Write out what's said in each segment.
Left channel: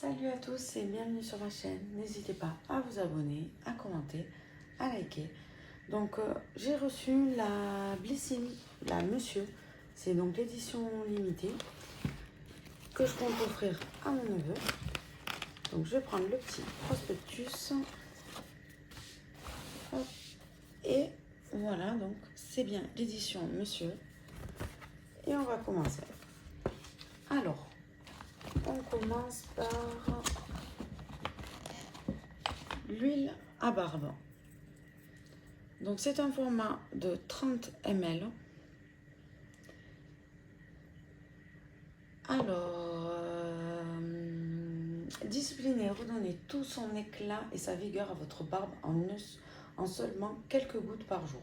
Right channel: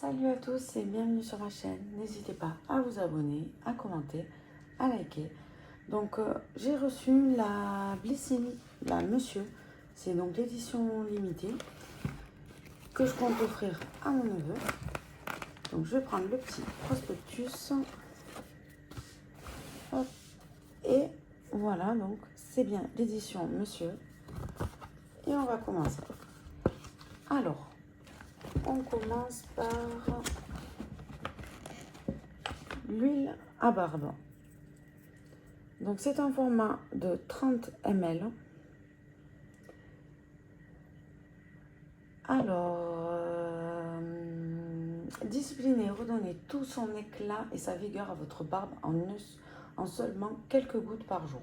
Salut à tous et bienvenue sur ma chaîne. N'hésitez pas à vous abonner, à commenter, à liker. Donc j'ai reçu la Blessing, la Monsieur. C'est donc l'édition limitée que je compte offrir à mon neveu. Donc je vais prendre le petit prospectus. Hop. Et voilà, donc c'est bien l'édition Monsieur. Et on va commencer. Alors, on commence par l'huile à barbe. Donc c'est un format de 30 ml. Alors, discipliner, redonner tout son éclat et sa vigueur à votre barbe en seulement quelques gouttes par jour.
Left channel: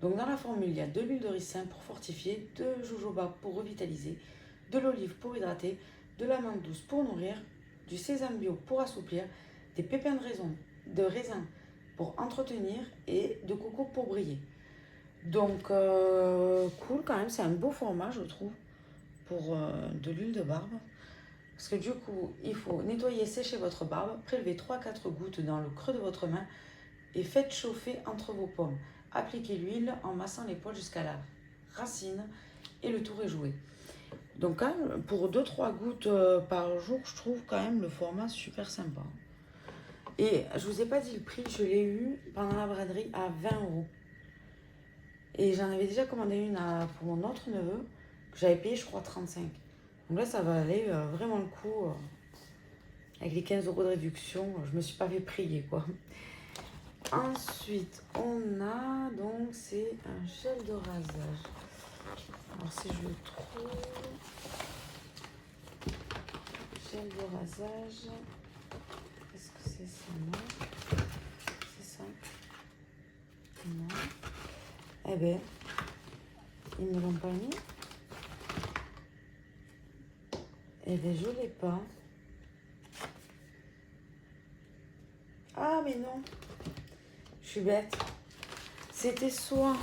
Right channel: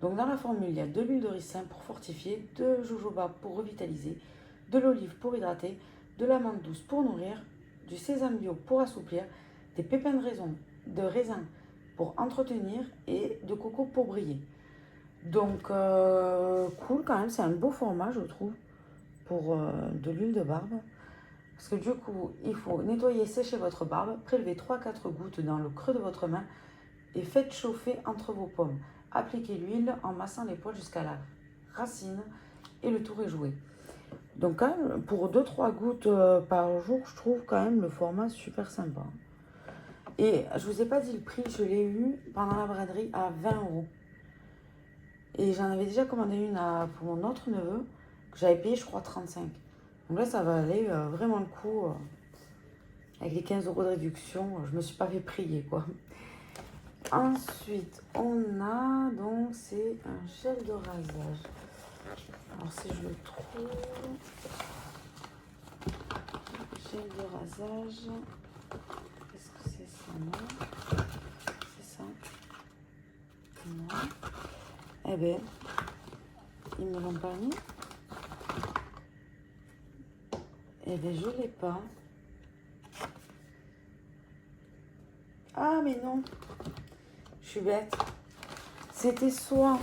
Donc dans la formule, il y a de l'huile de ricin pour fortifier, de jojoba pour revitaliser, de l'olive pour hydrater, de l'amande douce pour nourrir, du sésame bio pour assouplir, des pépins de raisin pour entretenir et de coco pour briller. Donc cool quand même, c'est un beau format je trouve pour de l'huile de barbe. Parce que du coup, il faut nettoyer, sécher votre barbe, prélever 3-4 gouttes dans le creux de votre main et faites chauffer entre vos paumes. Appliquez l'huile en massant les poils jusqu'à la racine et le tour est joué. Donc quand même, pour 2-3 gouttes par jour, je trouve quand même le format super sympa. Et je vous ai pas dit le prix, je l'ai eu pendant la braderie à 20 €. Et j'en avais déjà commandé une pour mon autre neveu, que j'avais payé je crois 35. Donc là ça va aller vraiment le coup. Avec les 15 € de réduction, je me suis pas fait prier quoi. Ensuite, on a donc, c'est un gel de rasage. Alors si je le trouve, gel de rasage, est-ce que c'est ça? Non, c'est ça. Non. Eh ben, ils ne me l'ont pas mis. Eh ben, je l'ai pas. Ah mais non, je suis bête. C'était soit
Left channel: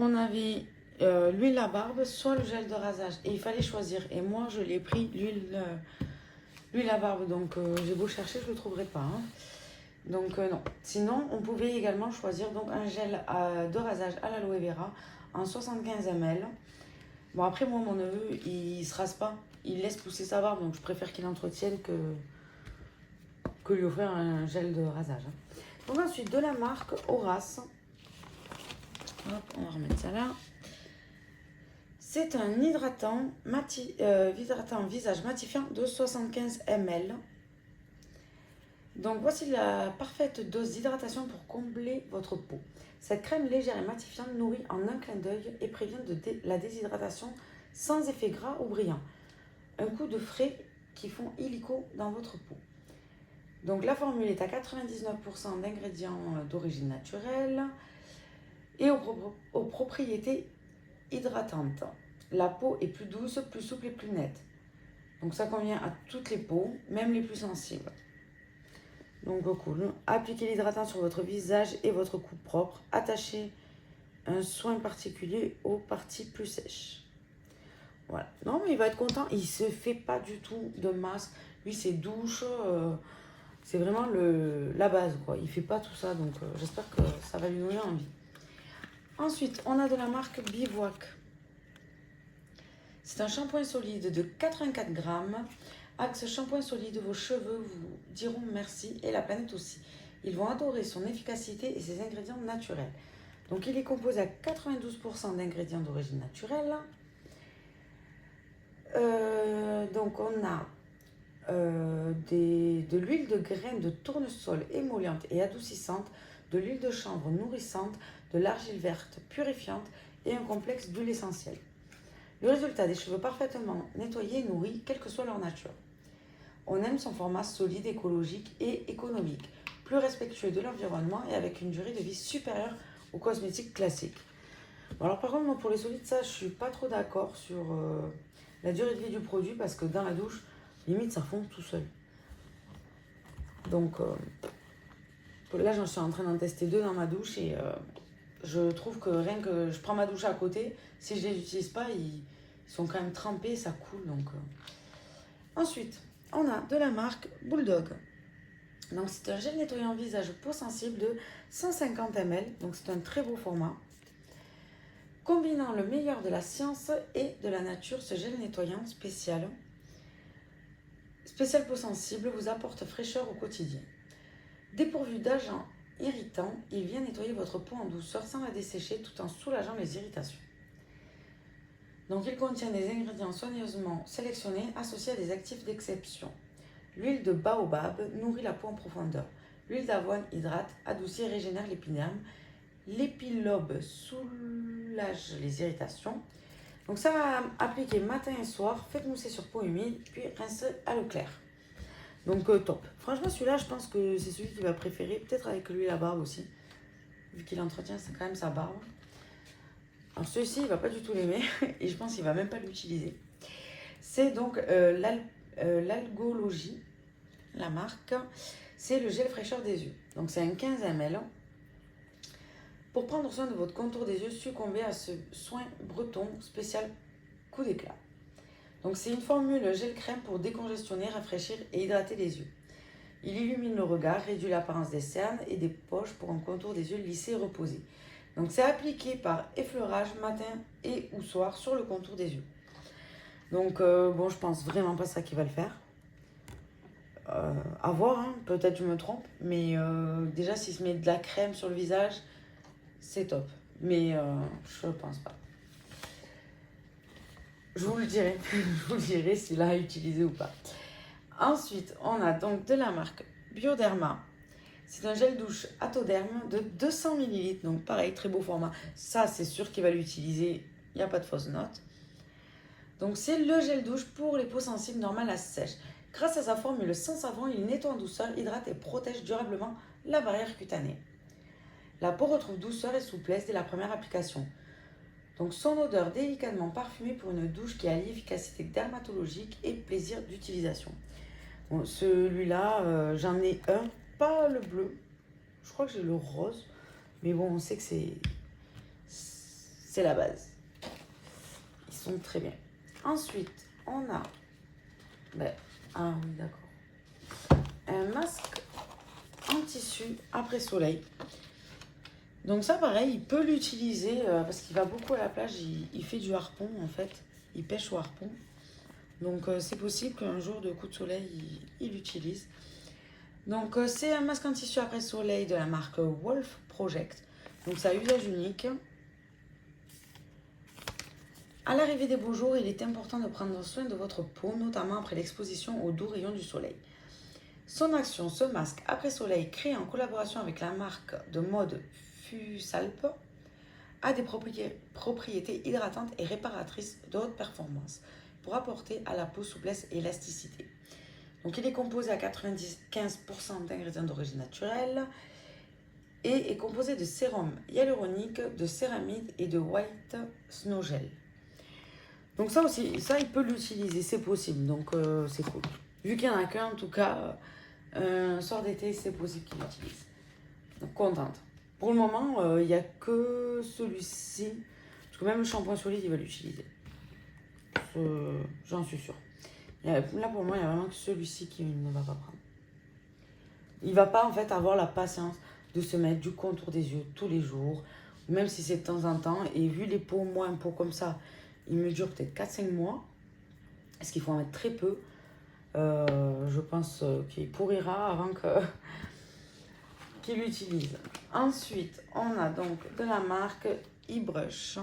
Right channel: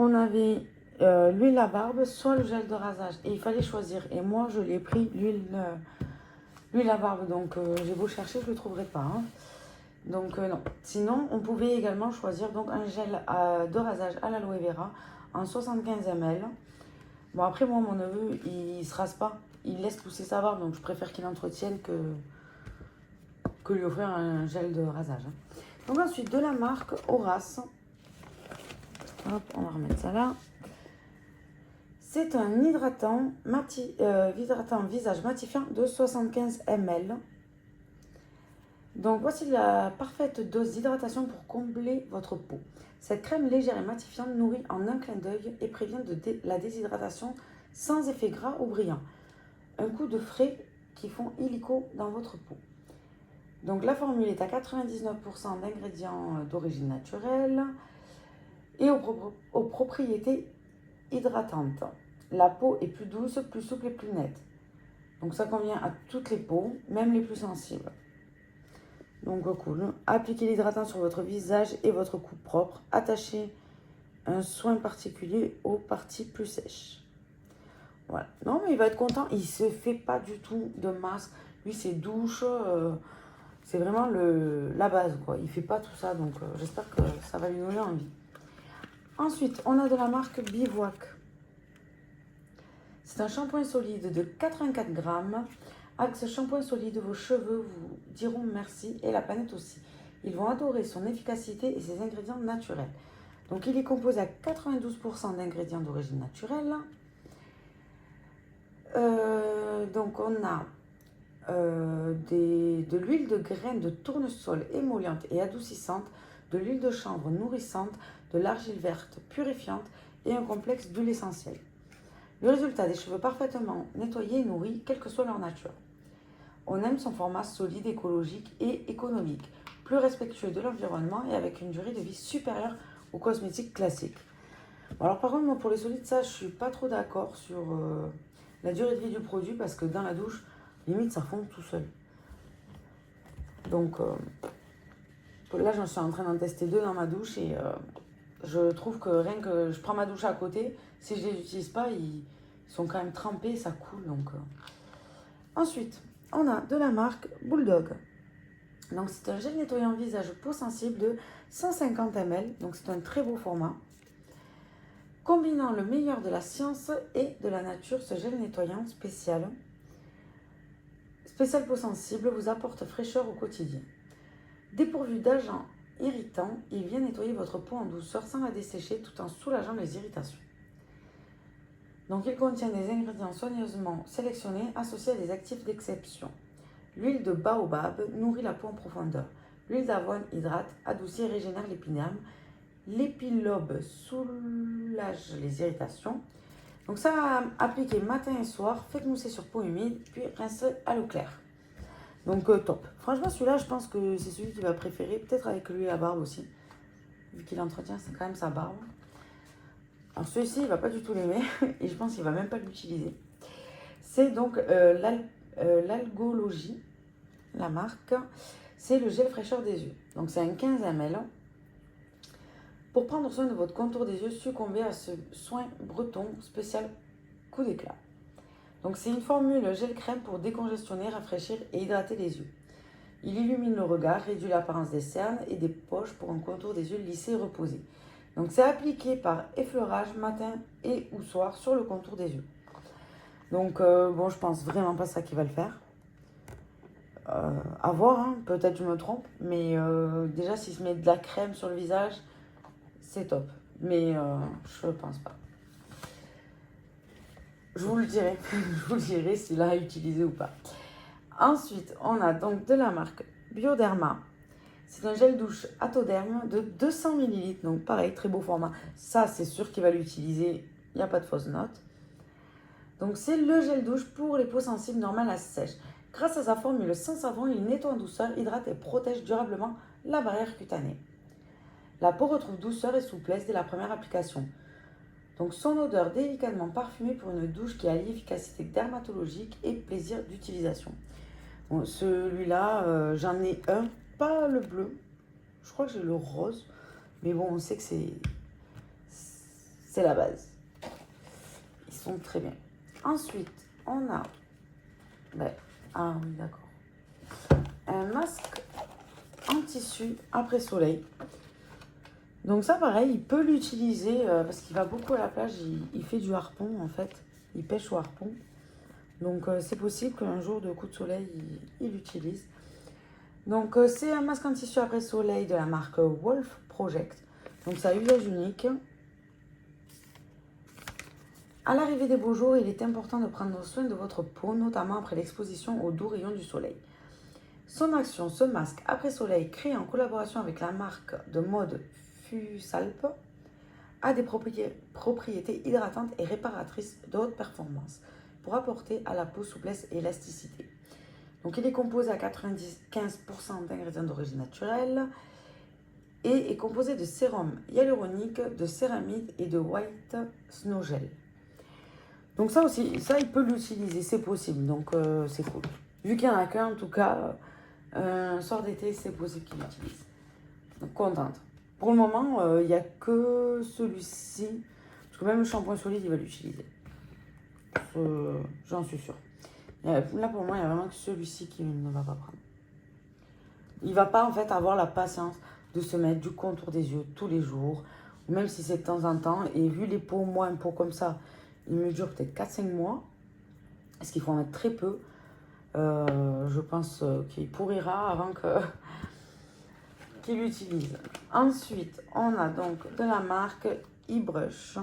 on avait l'huile à barbe, soit le gel de rasage. Et il fallait choisir. Et moi, je l'ai pris l'huile à barbe. Donc, j'ai beau chercher, je ne le trouverai pas. Hein. Donc, non. Sinon, on pouvait également choisir donc, un gel de rasage à l'aloe vera en 75 ml. Bon, après, moi, mon neveu, il ne se rase pas. Il laisse pousser sa barbe. Donc, je préfère qu'il entretienne que lui offrir un gel de rasage. Hein. Donc, ensuite, de la marque Horace. Hop, on va remettre ça là. C'est un hydratant visage matifiant de 75 ml. Donc voici la parfaite dose d'hydratation pour combler votre peau. Cette crème légère et matifiante nourrit en un clin d'œil et prévient la déshydratation sans effet gras ou brillant. Un coup de frais qui font illico dans votre peau. Donc la formule est à 99% d'ingrédients d'origine naturelle et aux propriétés hydratantes. La peau est plus douce, plus souple et plus nette. Donc ça convient à toutes les peaux, même les plus sensibles. Donc cool. Appliquez l'hydratant sur votre visage et votre cou propre. Attachez un soin particulier aux parties plus sèches. Voilà. Non mais il va être content. Il se fait pas du tout de masque. Lui c'est douche. C'est vraiment la base quoi. Il fait pas tout ça. Donc j'espère que ça va lui donner envie. Ensuite on a de la marque Bivouac. C'est un shampoing solide de 84 grammes. Avec ce shampoing solide, vos cheveux vous diront merci et la planète aussi. Ils vont adorer son efficacité et ses ingrédients naturels. Donc il est composé à 92% d'ingrédients d'origine naturelle. Donc on a de l'huile de graines de tournesol émolliente et adoucissante, de l'huile de chanvre nourrissante, de l'argile verte purifiante et un complexe d'huile essentielle. Le résultat, des cheveux parfaitement nettoyés et nourris, quelle que soit leur nature. On aime son format solide, écologique et économique, plus respectueux de l'environnement et avec une durée de vie supérieure aux cosmétiques classiques. Bon, alors par contre, moi pour les solides, ça, je suis pas trop d'accord sur la durée de vie du produit parce que dans la douche, limite, ça fond tout seul. Donc là, j'en suis en train d'en tester 2 dans ma douche et je trouve que rien que je prends ma douche à côté, si je les utilise pas, ils sont quand même trempés, ça coule. Donc ensuite, on a de la marque Bulldog. Donc c'est un gel nettoyant visage peau sensible de 150 ml, donc c'est un très beau format. Combinant le meilleur de la science et de la nature, ce gel nettoyant spécial peau sensible vous apporte fraîcheur au quotidien. Dépourvu d'agents irritants, il vient nettoyer votre peau en douceur sans la dessécher tout en soulageant les irritations. Donc il contient des ingrédients soigneusement sélectionnés associés à des actifs d'exception. L'huile de baobab nourrit la peau en profondeur. L'huile d'avoine hydrate, adoucit et régénère l'épiderme. L'épilobe soulage les irritations. Donc ça va appliquer matin et soir, faites mousser sur peau humide, puis rincez à l'eau claire. Donc top. Franchement celui-là je pense que c'est celui qu'il va préférer, peut-être avec l'huile à barbe aussi, vu qu'il entretient c'est quand même sa barbe. Alors celui-ci il va pas du tout l'aimer, et je pense qu'il va même pas l'utiliser. C'est donc l'Algologie, la marque, c'est le gel fraîcheur des yeux. Donc c'est un 15 ml. Pour prendre soin de votre contour des yeux, succombez à ce soin breton spécial coup d'éclat. Donc c'est une formule gel crème pour décongestionner, rafraîchir et hydrater les yeux. Il illumine le regard, réduit l'apparence des cernes et des poches pour un contour des yeux lissé et reposé. Donc c'est appliqué par effleurage matin et ou soir sur le contour des yeux. Donc bon, je pense vraiment pas ça qui va le faire. À voir, hein, peut-être je me trompe, mais déjà s'il se met de la crème sur le visage, c'est top. Mais je pense pas. Je vous le dirai, je vous le dirai s'il a utilisé ou pas. Ensuite, on a donc de la marque Bioderma. C'est un gel douche Atoderm de 200 ml. Donc pareil, très beau format. Ça, c'est sûr qu'il va l'utiliser. Il n'y a pas de fausse note. Donc c'est le gel douche pour les peaux sensibles normales à sèche. Grâce à sa formule sans savon, il nettoie en douceur, hydrate et protège durablement la barrière cutanée. La peau retrouve douceur et souplesse dès la première application. Donc son odeur délicatement parfumée pour une douche qui allie efficacité dermatologique et plaisir d'utilisation. Bon, celui-là, j'en ai un, pas le bleu. Je crois que j'ai le rose. Mais bon, on sait que c'est la base. Ils sont très bien. Ensuite, on a... ah oui, d'accord. Un masque en tissu après soleil. Donc ça, pareil, il peut l'utiliser parce qu'il va beaucoup à la plage. Il fait du harpon, en fait. Il pêche au harpon. Donc c'est possible qu'un jour de coup de soleil, il l'utilise. Donc c'est un masque en tissu après soleil de la marque Wolf Project. Donc c'est à usage unique. À l'arrivée des beaux jours, il est important de prendre soin de votre peau, notamment après l'exposition aux doux rayons du soleil. Son action, ce masque après soleil, créé en collaboration avec la marque de mode Fusalp, a des propriétés hydratantes et réparatrices de haute performance pour apporter à la peau souplesse et élasticité. Donc il est composé à 95% d'ingrédients d'origine naturelle et est composé de sérum hyaluronique, de céramide et de white snow gel. Donc ça aussi, ça il peut l'utiliser, c'est possible, donc c'est cool. Vu qu'il n'y en a qu'un, en tout cas, un soir d'été, c'est possible qu'il l'utilise. Donc contente. Pour le moment, il n'y a que celui-ci, parce que même le shampoing solide, il va l'utiliser. J'en suis sûre. Là, pour moi, il n'y a vraiment que celui-ci qui ne va pas prendre. Il ne va pas, en fait, avoir la patience de se mettre du contour des yeux tous les jours, ou même si c'est de temps en temps. Et vu les peaux, moi, un pot comme ça, il me dure peut-être 4-5 mois. Est-ce qu'il faut en mettre très peu? Je pense qu'il pourrira avant qu'il l'utilise. Ensuite, on a donc de la marque eBrush.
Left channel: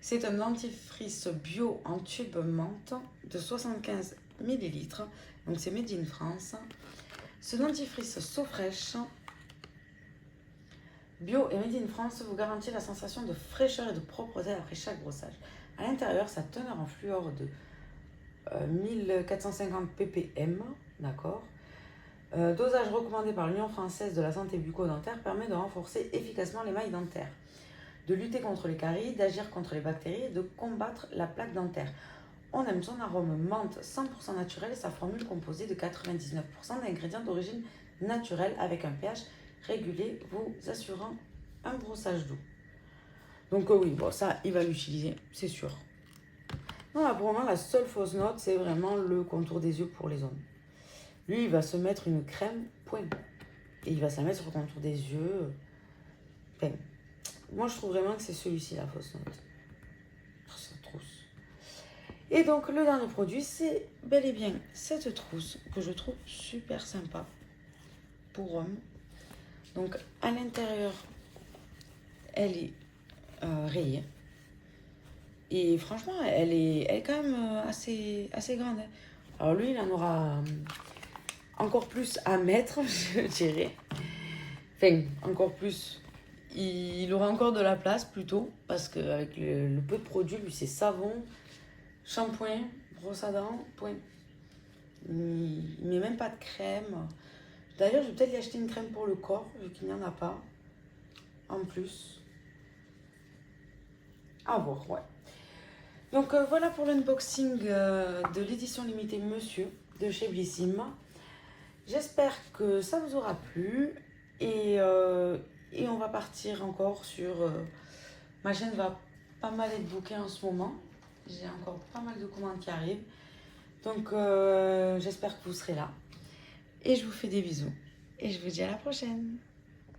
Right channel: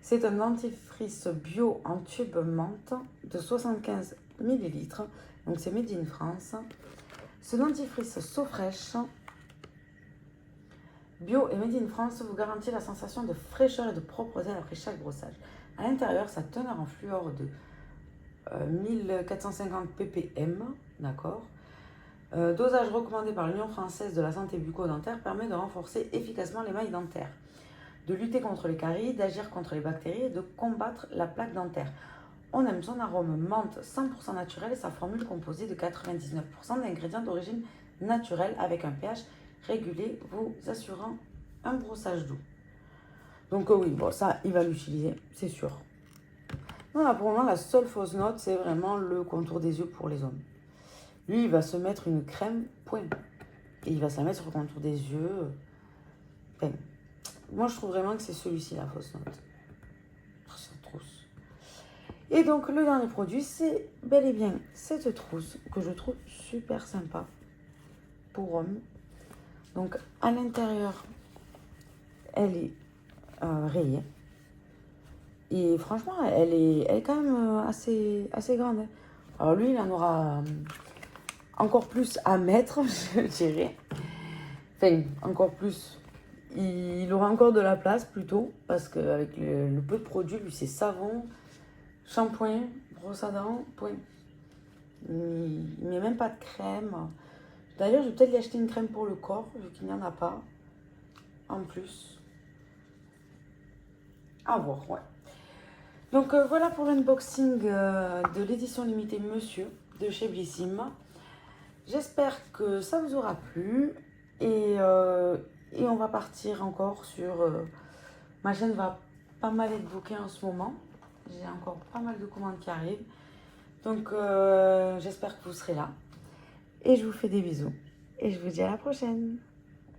C'est un dentifrice bio en tube menthe de 75 ml. Donc c'est made in France. Ce dentifrice So-Fresh bio et made in France vous garantit la sensation de fraîcheur et de propreté après chaque brossage. À l'intérieur, sa teneur en fluor de 1450 ppm, d'accord. Dosage recommandé par l'Union française de la santé bucco-dentaire permet de renforcer efficacement l'émail dentaire, de lutter contre les caries, d'agir contre les bactéries et de combattre la plaque dentaire. On aime son arôme menthe 100% naturel et sa formule composée de 99% d'ingrédients d'origine naturelle avec un pH régulier vous assurant un brossage doux. Donc oui, bon ça il va l'utiliser, c'est sûr. Voilà, pour moi, la seule fausse note, c'est vraiment le contour des yeux pour les hommes. Lui, il va se mettre une crème, point. Et il va se la mettre sur le contour des yeux. Enfin, moi, je trouve vraiment que c'est celui-ci, la fausse note. Cette trousse. Et donc, le dernier produit, c'est bel et bien cette trousse que je trouve super sympa pour homme. Donc, à l'intérieur, elle est rayée. Et franchement, elle est quand même assez grande. Alors lui, il en aura encore plus à mettre, je dirais. Enfin, encore plus. Il aura encore de la place plutôt, parce qu'avec le peu de produits, lui, c'est savon, shampoing, brosse à dents, point. Il ne met même pas de crème. D'ailleurs, je vais peut-être lui acheter une crème pour le corps, vu qu'il n'y en a pas. En plus. À voir, ouais. Donc voilà pour l'unboxing de l'édition limitée Monsieur de chez Blissim. J'espère que ça vous aura plu et on va partir encore sur... ma chaîne va pas mal être bloquée en ce moment. J'ai encore pas mal de commandes qui arrivent. Donc j'espère que vous serez là. Et je vous fais des bisous. Et je vous dis à la prochaine.